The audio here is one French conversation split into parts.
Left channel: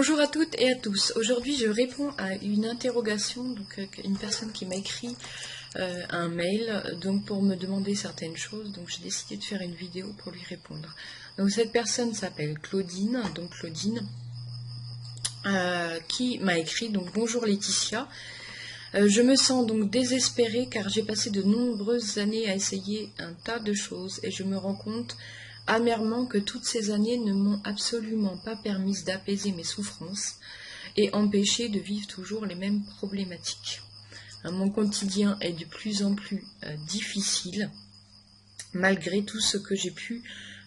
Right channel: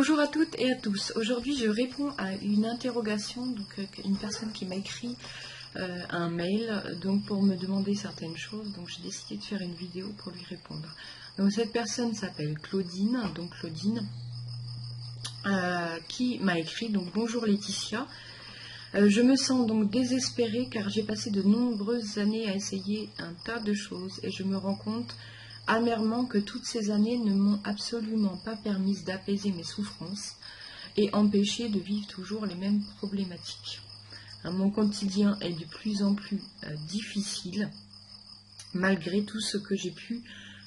Bonjour à toutes et à tous. Aujourd'hui, je réponds à une interrogation, donc une personne qui m'a écrit un mail donc pour me demander certaines choses. Donc j'ai décidé de faire une vidéo pour lui répondre. Donc cette personne s'appelle Claudine, qui m'a écrit donc bonjour Laetitia. Je me sens donc désespérée car j'ai passé de nombreuses années à essayer un tas de choses et je me rends compte amèrement que toutes ces années ne m'ont absolument pas permis d'apaiser mes souffrances et empêché de vivre toujours les mêmes problématiques. Mon quotidien est de plus en plus difficile malgré tout ce que j'ai pu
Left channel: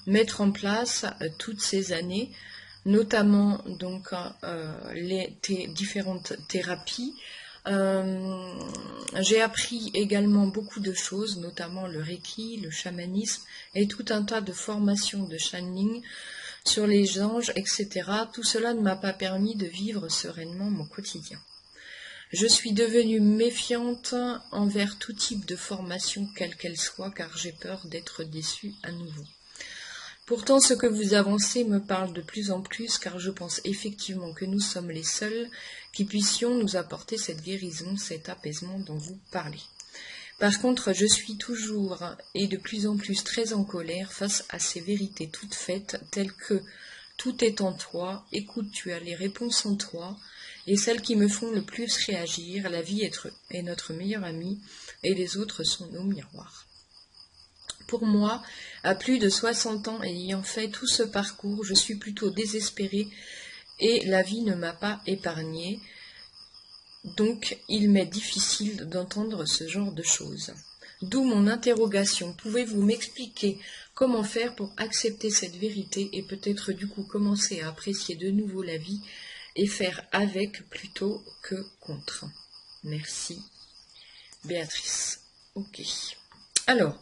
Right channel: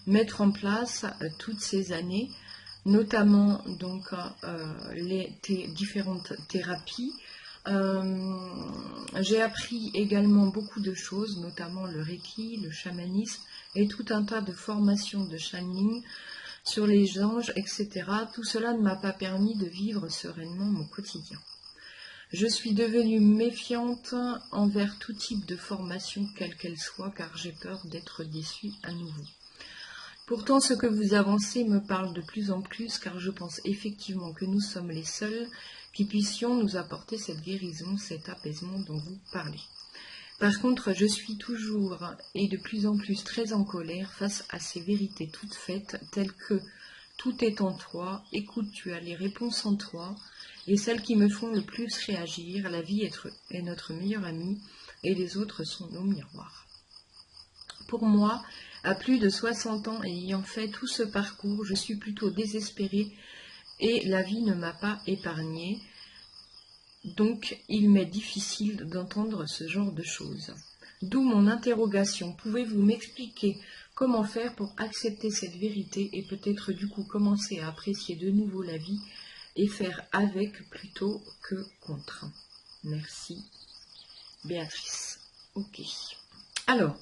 mettre en place toutes ces années, notamment donc les différentes thérapies. J'ai appris également beaucoup de choses, notamment le Reiki, le chamanisme et tout un tas de formations de channeling sur les anges, etc. Tout cela ne m'a pas permis de vivre sereinement mon quotidien. Je suis devenue méfiante envers tout type de formation, quelle qu'elle soit, car j'ai peur d'être déçue à nouveau. Pourtant, ce que vous avancez me parle de plus en plus, car je pense effectivement que nous sommes les seuls qui puissions nous apporter cette guérison, cet apaisement dont vous parlez. Par contre, je suis toujours et de plus en plus très en colère face à ces vérités toutes faites, telles que tout est en toi, écoute, tu as les réponses en toi, et celles qui me font le plus réagir, la vie est notre meilleure amie, et les autres sont nos miroirs. Pour moi, à plus de 60 ans et ayant fait tout ce parcours, je suis plutôt désespérée et la vie ne m'a pas épargnée. Donc, il m'est difficile d'entendre ce genre de choses. D'où mon interrogation. Pouvez-vous m'expliquer comment faire pour accepter cette vérité et peut-être du coup commencer à apprécier de nouveau la vie et faire avec plutôt que contre? Merci. Béatrice. Ok. Alors,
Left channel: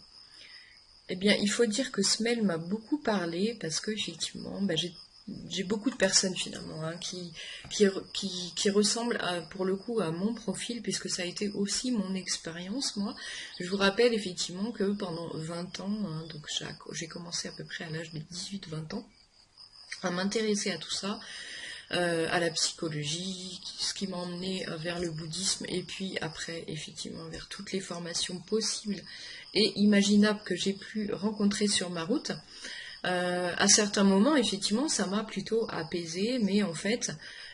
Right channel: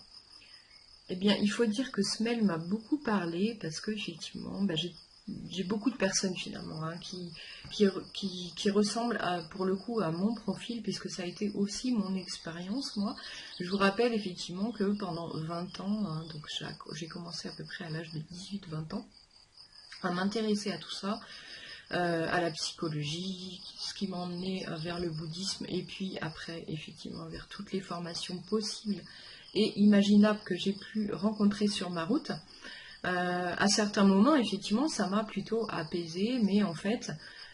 eh bien, il faut dire que ce mail m'a beaucoup parlé parce que effectivement, j'ai beaucoup de personnes finalement qui ressemblent pour le coup à mon profil, puisque ça a été aussi mon expérience, moi. Je vous rappelle effectivement que pendant 20 ans, donc j'ai commencé à peu près à l'âge de 18-20 ans, à m'intéresser à tout ça, à la psychologie, ce qui m'a emmené vers le bouddhisme, et puis après effectivement vers toutes les formations possibles et imaginables que j'ai pu rencontrer sur ma route. À certains moments, effectivement, ça m'a plutôt apaisée, mais en fait,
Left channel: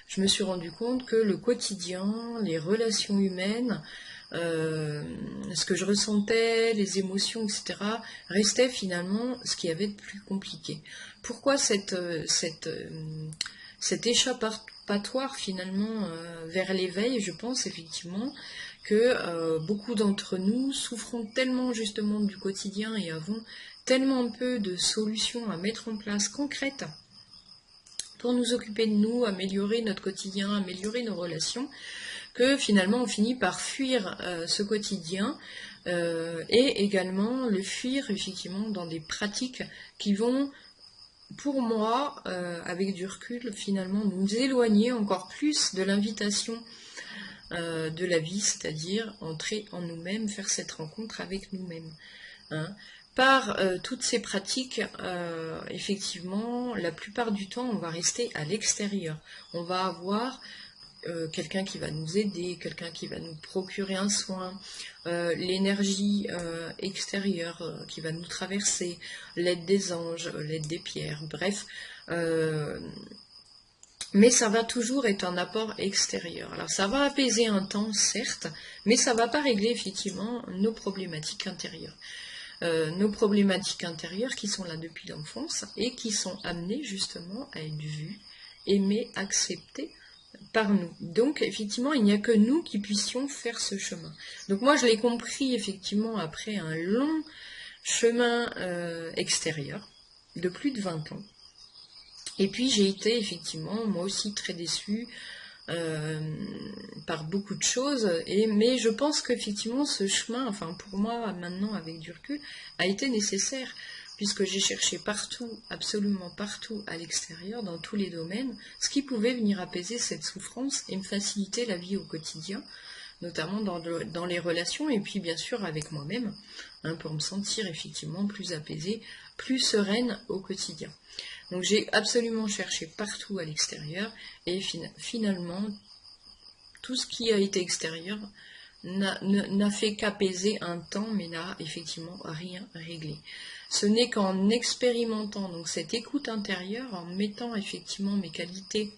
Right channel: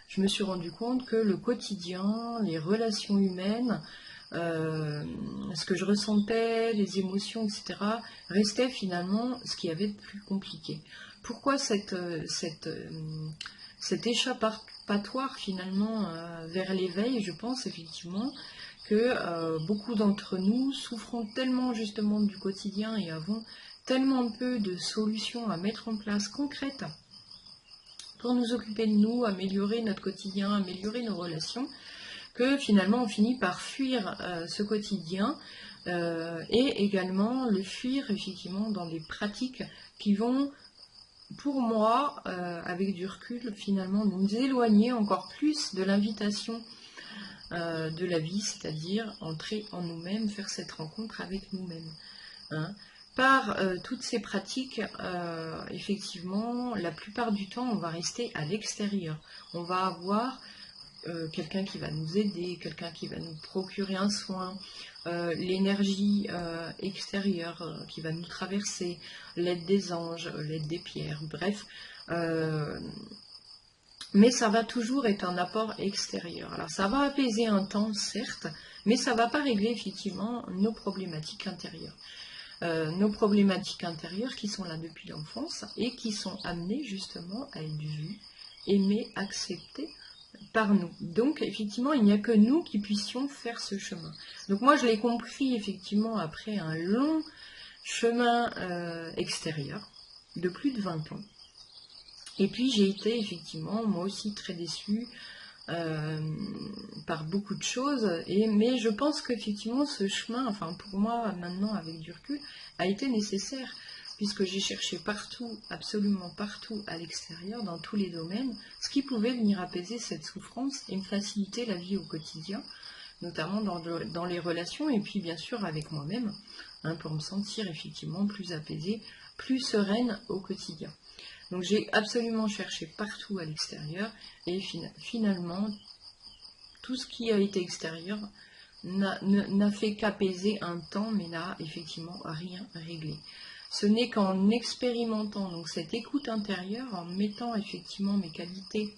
je me suis rendu compte que le quotidien, les relations humaines, ce que je ressentais, les émotions, etc., restait finalement ce qu'il y avait de plus compliqué. Pourquoi cet échappatoire finalement vers l'éveil? Je pense effectivement que beaucoup d'entre nous souffrons tellement justement du quotidien et avons tellement peu de solutions à mettre en place concrètes pour nous occuper de nous, améliorer notre quotidien, améliorer nos relations, que finalement on finit par fuir ce quotidien et également le fuir effectivement dans des pratiques qui vont, pour moi, avec du recul, finalement nous éloigner encore plus de l'invitation de la vie, c'est-à-dire entrer en nous-mêmes, faire cette rencontre avec nous-mêmes. Par toutes ces pratiques, effectivement, la plupart du temps, on va rester à l'extérieur. On va avoir quelqu'un qui va nous aider, quelqu'un qui va nous procurer un soin, l'énergie extérieure qui va nous traverser, l'aide des anges, l'aide des pierres, bref. Mais ça va toujours être un apport extérieur. Alors ça va apaiser un temps, certes, mais ça ne va pas régler effectivement nos problématiques intérieures. Nos problématiques intérieures qui sont là depuis l'enfance et qui sont amenées justement à être vues, aimées, acceptées par nous. Donc effectivement, il n'y a que nous qui puissions faire ce chemin. Donc moi je l'ai compris effectivement après un long chemin extérieur de plus de 20 ans. Et puis j'ai été effectivement moi aussi très déçue par beaucoup de choses, mais je pense qu'effectivement ce chemin, enfin pour moi maintenant avec du recul, a été nécessaire, puisque j'ai cherché partout, absolument partout à l'extérieur, dans tous les domaines, ce qui pouvait venir apaiser cette souffrance et me faciliter la vie au quotidien, notamment dans les relations, et puis bien sûr avec moi-même, hein, pour me sentir effectivement plus apaisée, plus sereine au quotidien. Donc j'ai absolument cherché partout à l'extérieur et finalement tout ce qui a été extérieur n'a fait qu'apaiser un temps mais n'a effectivement rien réglé. Ce n'est qu'en expérimentant donc cette écoute intérieure, en mettant effectivement mes qualités,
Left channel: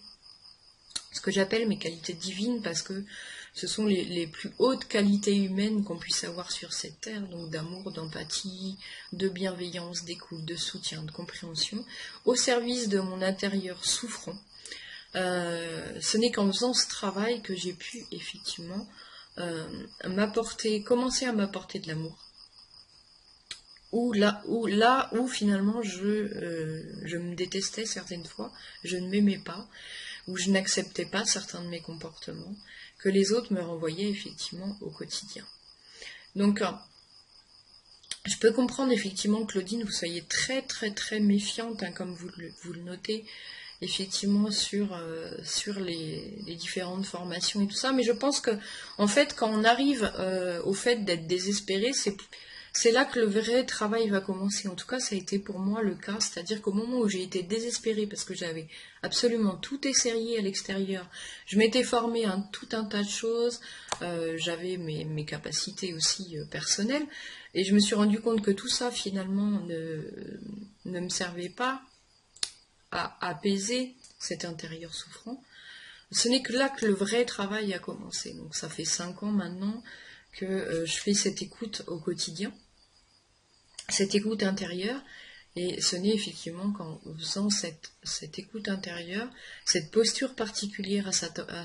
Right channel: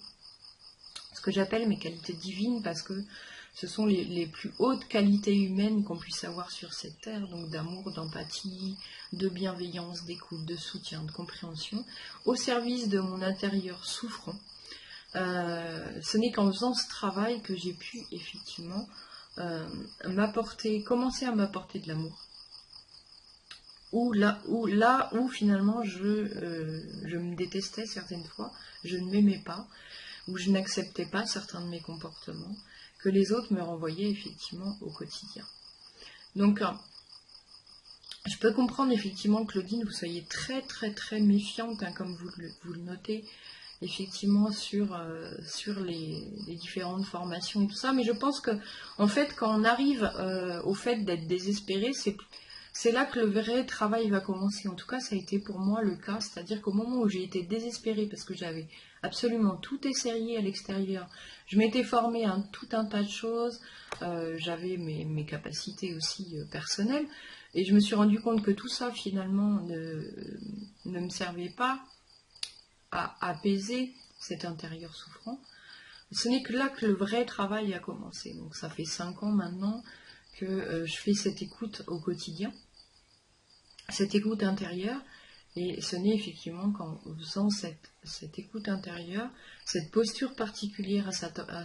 ce que j'appelle mes qualités divines, parce que ce sont les plus hautes qualités humaines qu'on puisse avoir sur cette terre, donc d'amour, d'empathie, de bienveillance, d'écoute, de soutien, de compréhension, au service de mon intérieur souffrant. Ce n'est qu'en faisant ce travail que j'ai pu effectivement commencer à m'apporter de l'amour. Où finalement je me détestais certaines fois, je ne m'aimais pas, où je n'acceptais pas certains de mes comportements, que les autres me renvoyaient effectivement au quotidien. Donc, je peux comprendre effectivement, Claudine, vous soyez très très très méfiante, hein, comme vous le notez, effectivement sur les différentes formations et tout ça, mais je pense que en fait quand on arrive au fait d'être désespéré, c'est là que le vrai travail va commencer. En tout cas, ça a été pour moi le cas, c'est-à-dire qu'au moment où j'ai été désespérée parce que j'avais absolument tout essayé à l'extérieur, je m'étais formée à tout un tas de choses, j'avais mes capacités aussi personnelles, et je me suis rendu compte que tout ça finalement ne me servait pas à apaiser cet intérieur souffrant. Ce n'est que là que le vrai travail a commencé. Donc ça fait 5 ans maintenant que je fais cette écoute au quotidien, cette écoute intérieure, et ce n'est effectivement qu'en faisant cette écoute intérieure, cette posture particulière à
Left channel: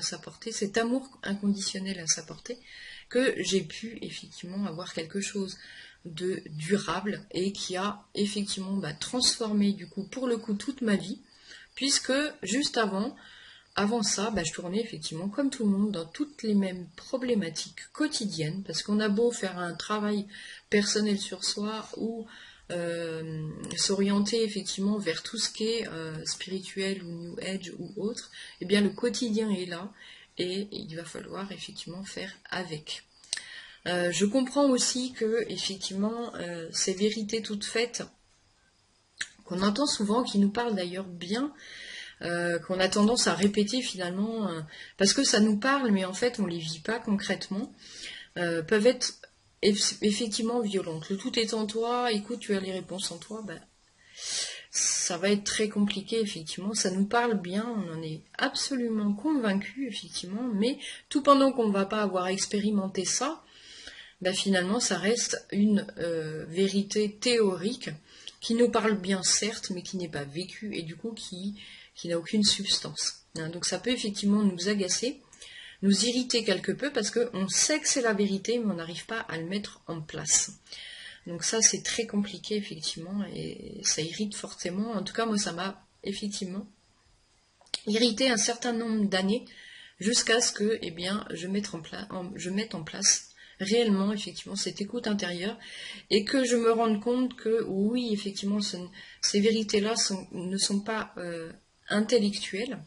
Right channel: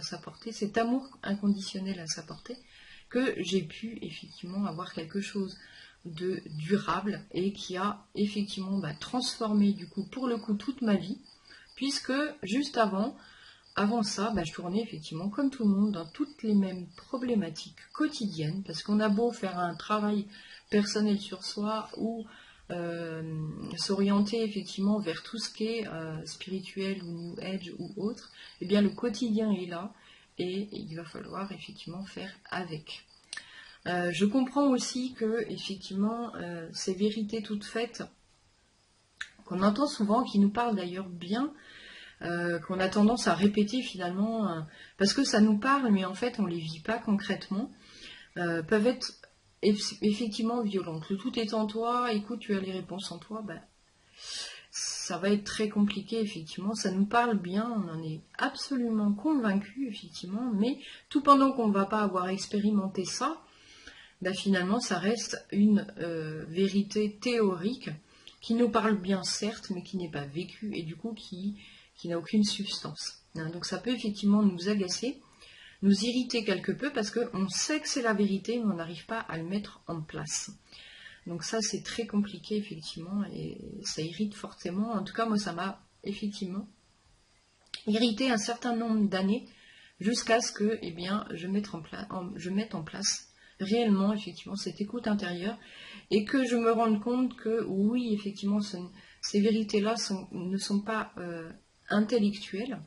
sa portée, cet amour inconditionnel à sa portée, que j'ai pu effectivement avoir quelque chose de durable et qui a effectivement transformé du coup pour le coup toute ma vie, puisque juste avant ça, je tournais effectivement comme tout le monde dans toutes les mêmes problématiques quotidiennes, parce qu'on a beau faire un travail personnel sur soi ou s'orienter effectivement vers tout ce qui est spirituel ou New Age ou autre, eh bien le quotidien est là et il va falloir effectivement faire avec. Je comprends aussi que effectivement ces vérités toutes faites qu'on entend souvent, qui nous parlent d'ailleurs bien, qu'on a tendance à répéter finalement, parce que ça nous parle, mais en fait on ne les vit pas concrètement, peuvent être effectivement violentes. Le tout est en toi, écoute, tu as les réponses en toi, ça va être très compliqué, effectivement. Ça nous parle bien, on en est absolument convaincu, effectivement, mais tout pendant qu'on ne va pas avoir expérimenté ça, finalement ça reste une vérité théorique qui nous parle bien certes, mais qui n'est pas vécue et du coup qui n'a aucune substance. Donc ça peut effectivement nous agacer, nous irriter quelque peu parce qu'on sait que c'est la vérité, mais on n'arrive pas à le mettre en place. Donc ça c'est très compliqué effectivement et ça irrite fortement. En tout cas moi ça m'a effectivement irrité un certain nombre d'années jusqu'à ce que je mette en place réellement effectivement cette écoute intérieure et que je me rende compte que oui effectivement ces vérités-là ne sont pas intellectuelles.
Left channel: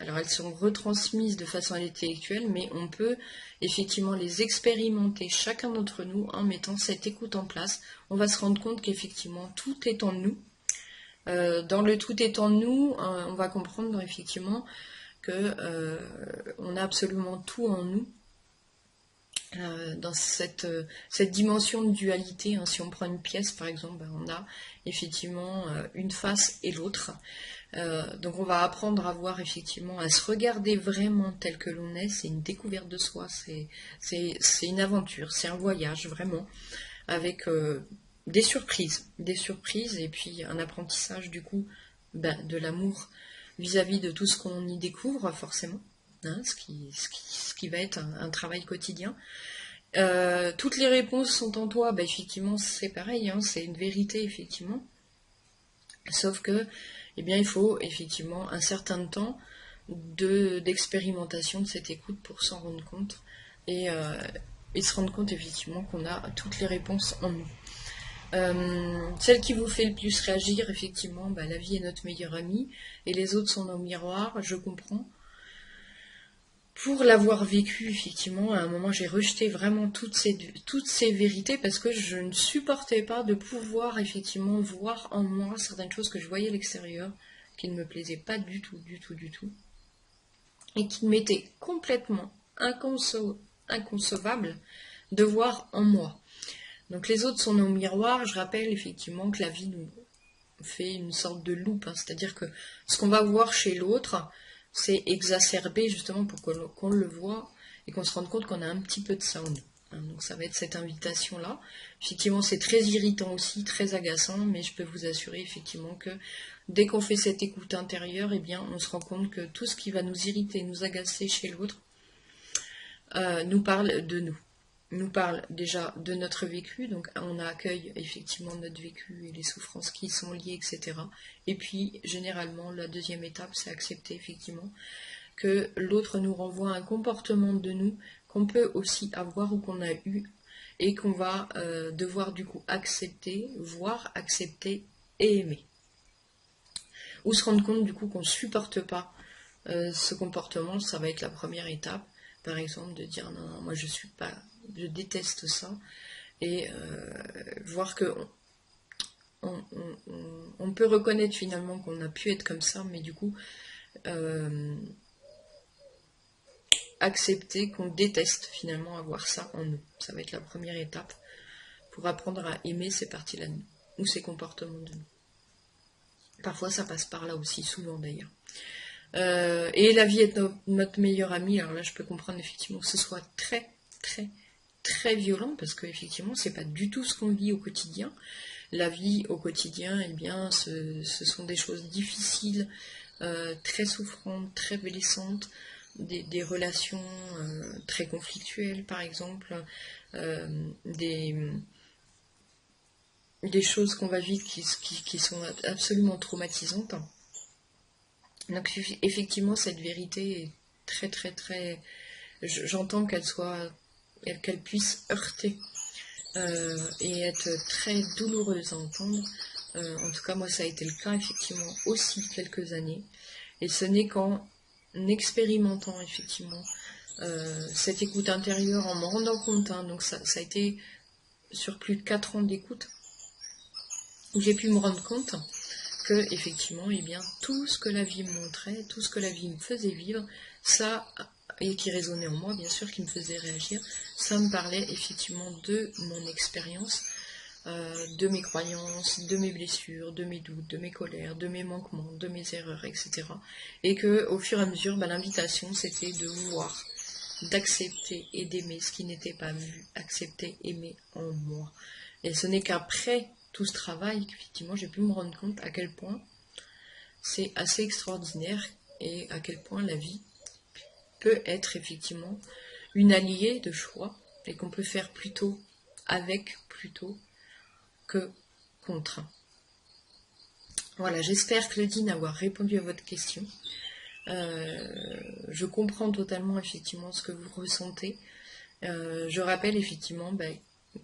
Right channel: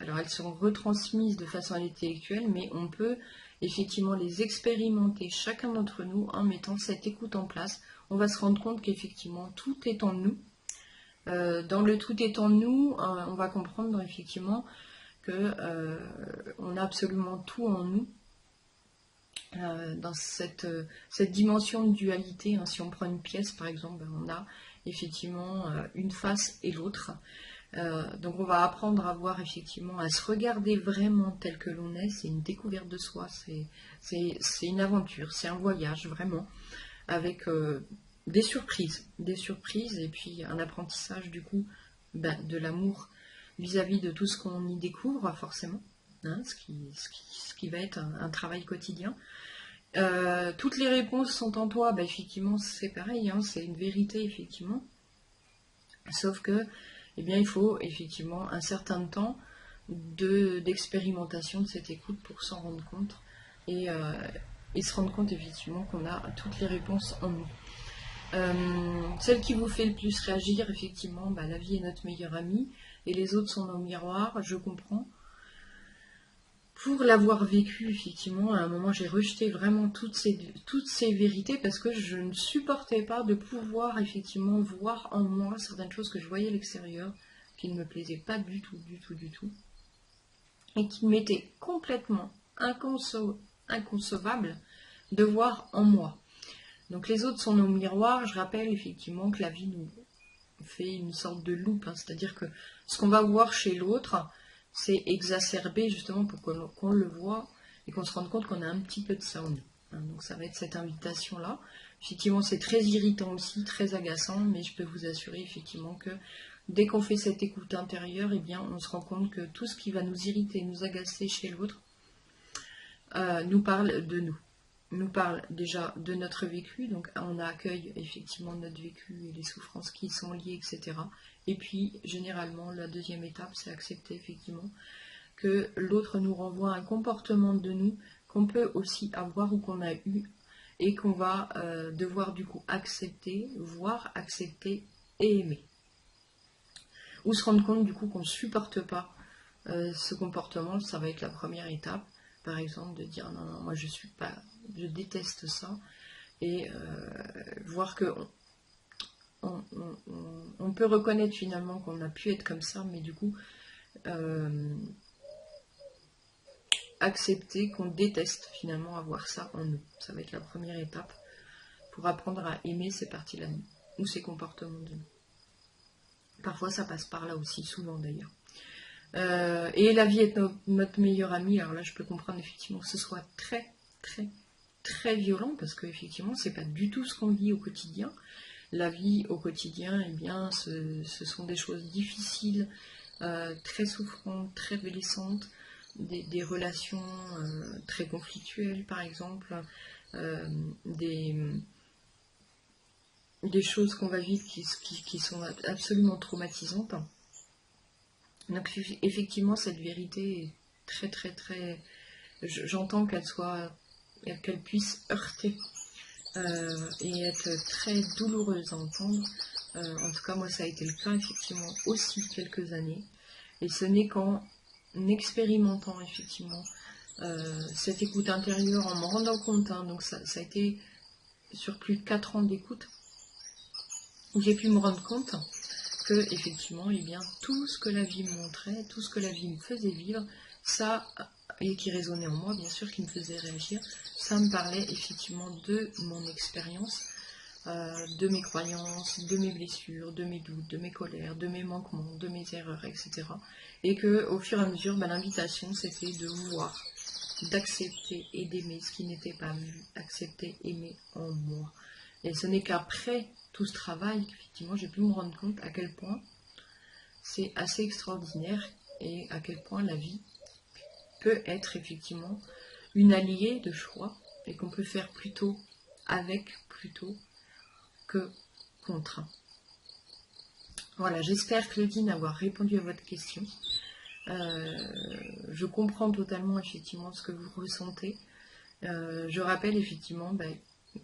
Alors elles sont retransmises de façon intellectuelle, mais on peut effectivement les expérimenter chacun d'entre nous en mettant cette écoute en place. On va se rendre compte qu'effectivement tout est en nous. Dans le tout est en nous, on va comprendre effectivement que on a absolument tout en nous. Dans cette dimension de dualité, hein, si on prend une pièce par exemple, on a effectivement une face et l'autre. Donc on va apprendre à voir effectivement, à se regarder vraiment tel que l'on est. C'est une découverte de soi, c'est une aventure, c'est un voyage vraiment, avec des surprises et puis un apprentissage du coup de l'amour vis-à-vis de tout ce qu'on y découvre forcément. Hein, ce qui va être un travail quotidien. Toutes les réponses sont en toi, effectivement c'est pareil, hein, c'est une vérité effectivement, sauf que il faut effectivement un certain temps d'expérimentation de cette écoute pour s'en rendre compte et se rendre compte effectivement qu'on a toutes les réponses en nous. Celle qui vous fait le plus réagir, effectivement, la vie est notre meilleure amie et les autres sont nos miroirs, je comprends. pour l'avoir vécu, effectivement, à un moment, j'ai rejeté vraiment toutes ces vérités parce que je ne supportais pas de pouvoir, effectivement, voir en moi certaines choses que je voyais à l'extérieur, qui ne me plaisaient pas du tout, du tout, du tout, et qui m'étaient complètement inconcevables de voir en moi. Donc les autres sont nos miroirs. Je rappelle effectivement que la vie nous fait une sorte de loupe, hein, c'est-à-dire que ce qu'on va voir chez l'autre, c'est exacerbé justement pour qu'on le voit et qu'on se rende compte qu'on a un petit peu de ça en nous. Hein, donc ça va être cette invitation-là. Effectivement, c'est très irritant aussi, très agaçant, mais je peux vous assurer effectivement que dès qu'on fait cette écoute intérieure, eh bien, on se rend compte que tout ce qui va nous irriter, nous agacer chez l'autre, nous parle de nous parle déjà de notre vécu, donc on accueille effectivement notre vécu et les souffrances qui y sont liées, etc. Et puis, généralement, la deuxième étape, c'est accepter effectivement que l'autre nous renvoie un comportement de nous qu'on peut aussi avoir ou qu'on a eu et qu'on va devoir du coup accepter, voire accepter et aimer. Ou se rendre compte du coup qu'on ne supporte pas ce comportement, ça va être la première étape. Par exemple, de dire non, non, moi je déteste ça, et voir que on peut reconnaître finalement qu'on a pu être comme ça, mais du coup accepter qu'on déteste finalement avoir ça en nous. Ça va être la première étape pour apprendre à aimer ces parties-là de nous, ou ces comportements de nous. Parfois ça passe par là aussi, souvent d'ailleurs. Et la vie est notre meilleure amie. Alors là, je peux comprendre effectivement que ce soit très, très, très violent, parce que effectivement, c'est pas du tout ce qu'on vit au quotidien. La vie au quotidien, eh bien, ce sont des choses difficiles, très souffrantes, très blessantes, des relations très conflictuelles, par exemple, des choses qu'on va vivre qui sont absolument traumatisantes. Donc effectivement, cette vérité est très très très... J'entends qu'elle puisse heurter et être très douloureuse à entendre. En tout cas, moi, ça a été le cas effectivement aussi quelques années. Et ce n'est qu'en expérimentant effectivement cette écoute intérieure, en me rendant compte, hein, donc ça a été sur plus de 4 ans d'écoute, où j'ai pu me rendre compte que effectivement, eh bien, tout ce que la vie me montrait, tout ce que la vie me faisait vivre, ça, et qui résonnait en moi, bien sûr, qui me faisait réagir, ça me parlait effectivement de mon expérience, de mes croyances, de mes blessures, de mes doutes, de mes colères, de mes manquements, de mes erreurs, etc. Et que au fur et à mesure, l'invitation, c'était de voir, d'accepter et d'aimer ce qui n'était pas vu, accepter, aimer en moi. Et ce n'est qu'après tout ce travail qu'effectivement j'ai pu me rendre compte à quel point c'est assez extraordinaire et à quel point la vie peut être effectivement une alliée de choix et qu'on peut faire plutôt avec plutôt que contre. Voilà, j'espère, Claudine, avoir répondu à votre question. Je comprends totalement effectivement ce que vous ressentez. Je rappelle effectivement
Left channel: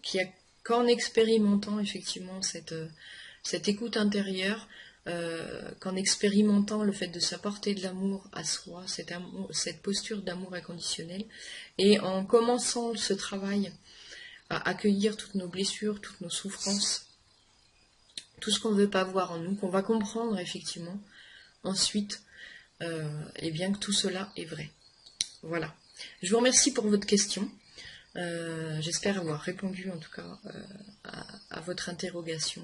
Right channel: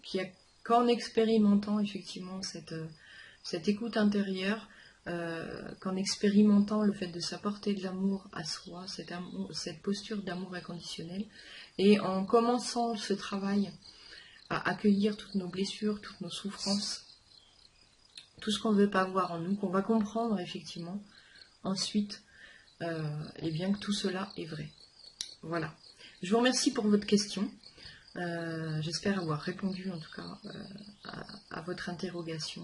qu'il y a qu'en expérimentant effectivement cette écoute intérieure, qu'en expérimentant le fait de s'apporter de l'amour à soi, cette posture d'amour inconditionnel, et en commençant ce travail à accueillir toutes nos blessures, toutes nos souffrances, tout ce qu'on ne veut pas voir en nous, qu'on va comprendre effectivement ensuite, et bien que tout cela est vrai. Voilà. Je vous remercie pour votre question. J'espère avoir répondu en tout cas à votre interrogation.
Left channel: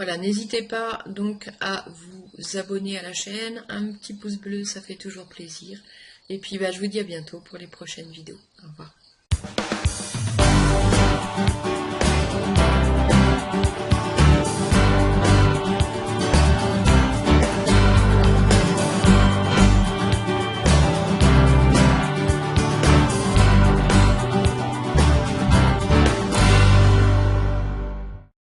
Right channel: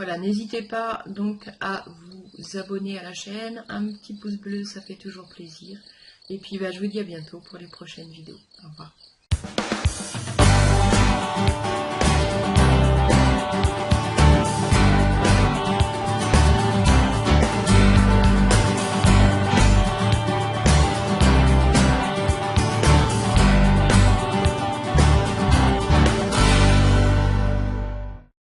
Voilà, n'hésitez pas donc à vous abonner à la chaîne, un petit pouce bleu, ça fait toujours plaisir. Et puis je vous dis à bientôt pour les prochaines vidéos. Au revoir.